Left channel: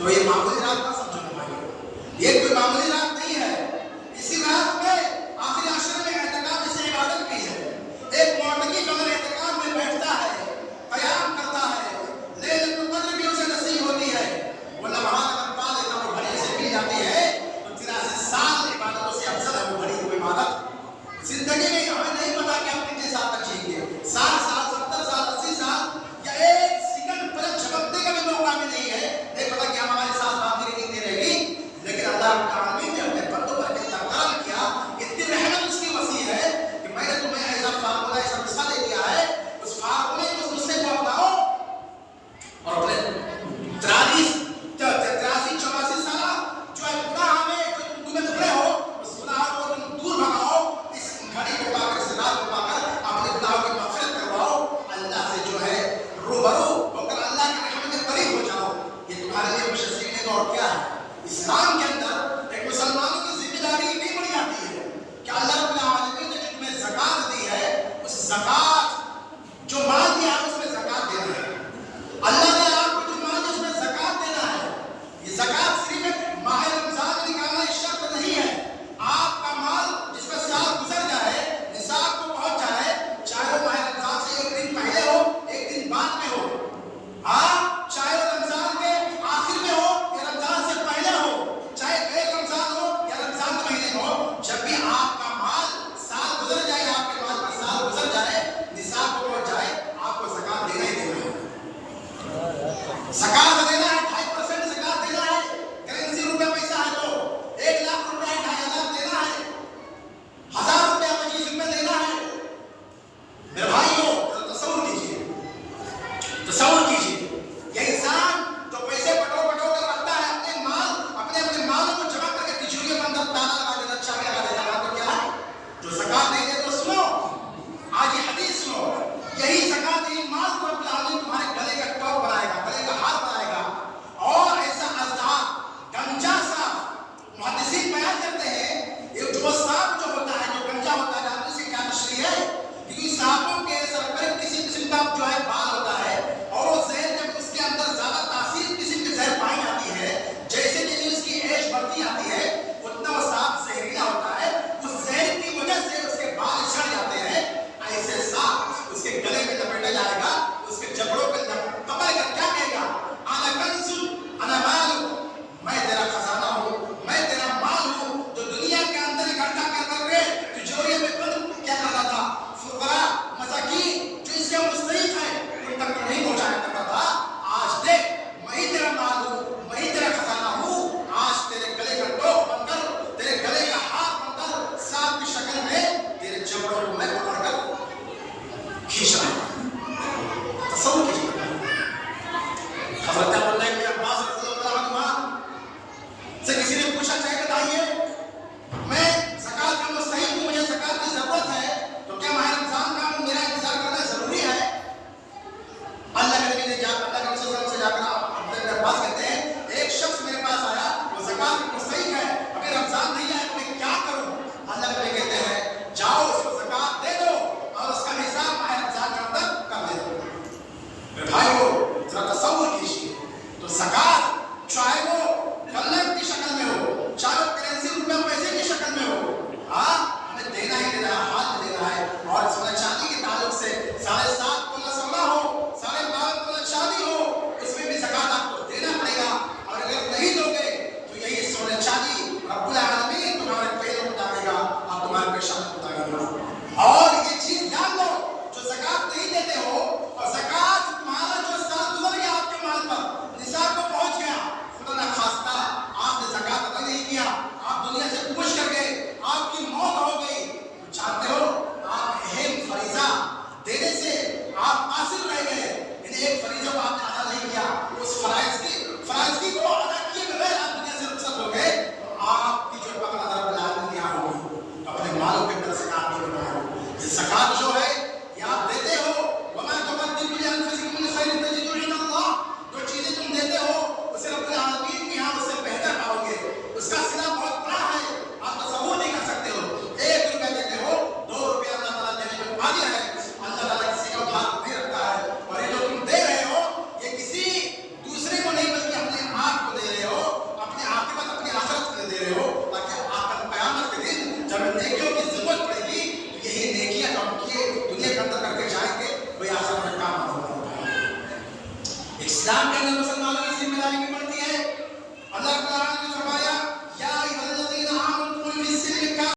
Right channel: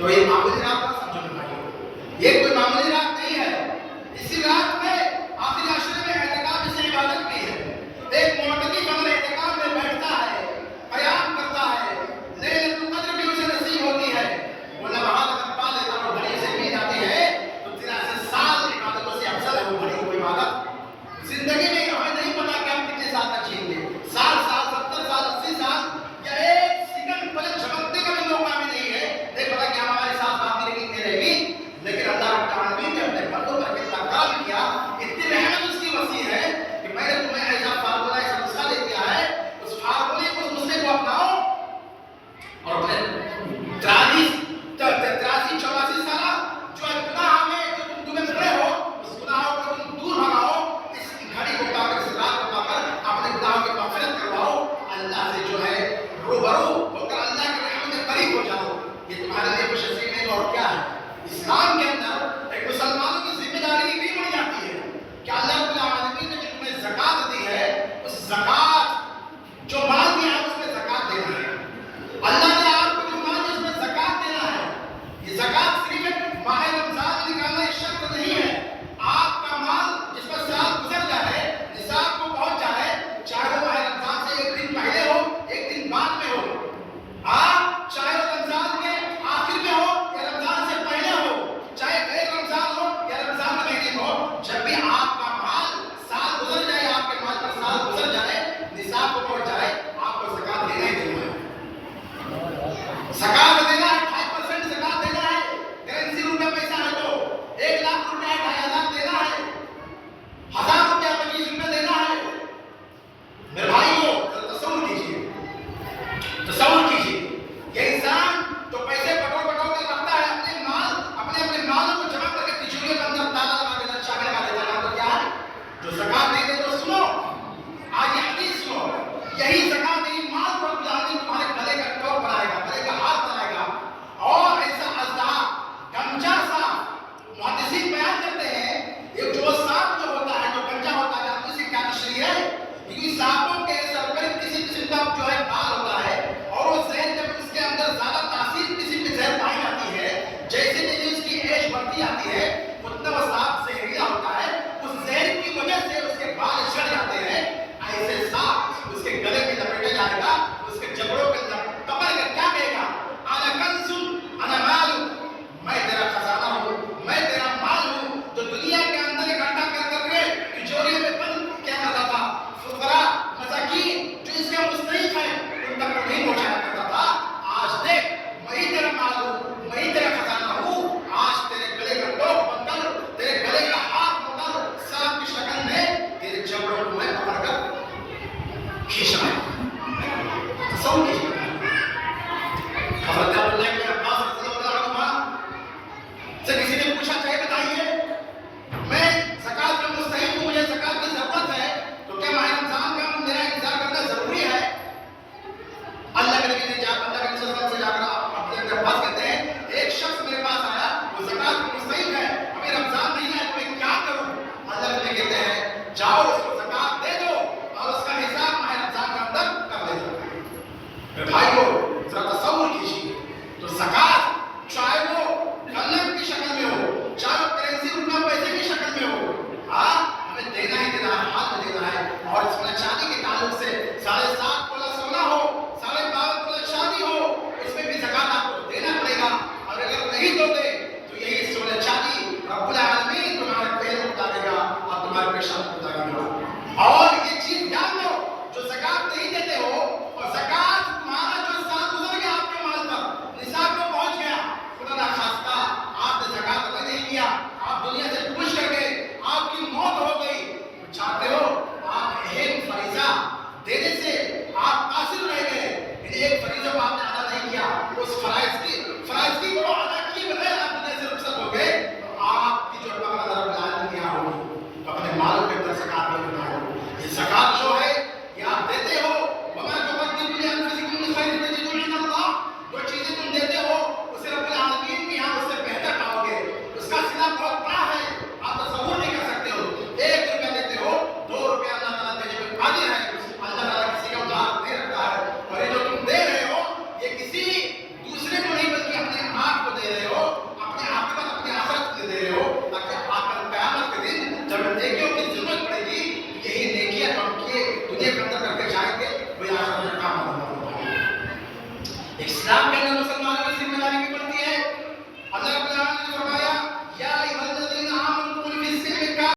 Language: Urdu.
تو یہ معمولی رات نہ سمجھو بھائی، یہ کوئی معمولی رات نہیں ہے. اسی رات میں آخری عشرے میں اعتکاف جیسی عبادت بھی ہے. ایک معتکف اگر اعتکاف میں بیٹھتا ہے، قیام کرتا ہے، لیلۃ القدر بھی اسے نصیب ہوتی ہے. وہ لمحات اگر پا لیتا ہے، وہ گھڑی سے مل جاتی ہے، تو 83 سال عبادتوں سے افضل ہے وہ گھڑی ہوئی عبادت. زندگی میں ہمیں نہیں پتا کہ ہم کتنے سال تک جئیں گے، 60 سال، 70 سال، 80 سال، یا ایک سیکنڈ پلک جھپکنے کا بھی موقع ہمیں نہیں ہے. نہیں پتا کہ ہمارے ساتھ باقی کتنی رہے گی. لیکن اللہ رب العالمین نے اپنے بندوں پر کتنا کرم کیا، اتنی رحمت اس کی وسیع ہے کہ میں نے تمہیں ایسا فارمولہ، ایسا نسخہ دے دیا ہے. اس فارمولے کو، اس نسخے کو اپناؤ اور اپنے 83 84 سالہ جو گناہ میں جو تمہیں پکڑے ہو، اس گناہوں کو تم دور بھگاؤ. اس گھڑی کو پا کر، اس رات کو پا کر اپنے گناہوں کی مغفرت کرواؤ. اللہ سے جو ہے روبرو ہو کر اللہ کی رحمت کے قریب ہو جاؤ. یہ تمہارے لیے خوش نصیبی ہے. اور کیا ہے اسلام کے اندر ایک مسلمانوں کی ذمہ داری نہیں بڑھ جاتی ہے کہ اللہ رب العالمین نے جو تمہیں زکات دی ہے، اس زکات جو مال دیا ہے اس میں زکات دینا ہے. اللہ نے آپ کو جو مال دیا اس میں زکات دینا ہے. یہ زکات صرف ایک ماہ رمضان میں نکالنا ایک شرط نہیں ہے. آپ کا مال جس پر سال گزر جائے، نصاب کو پہنچ جائے، چاہے وہ ماہ رمضان سے ایک دن پہلے ہو، ایک دن بعد میں ہو، آپ چاہے رمضان کے آخر میں ہو یا رمضان سے پہلے ہو، چاہے غیر یہ خطرہ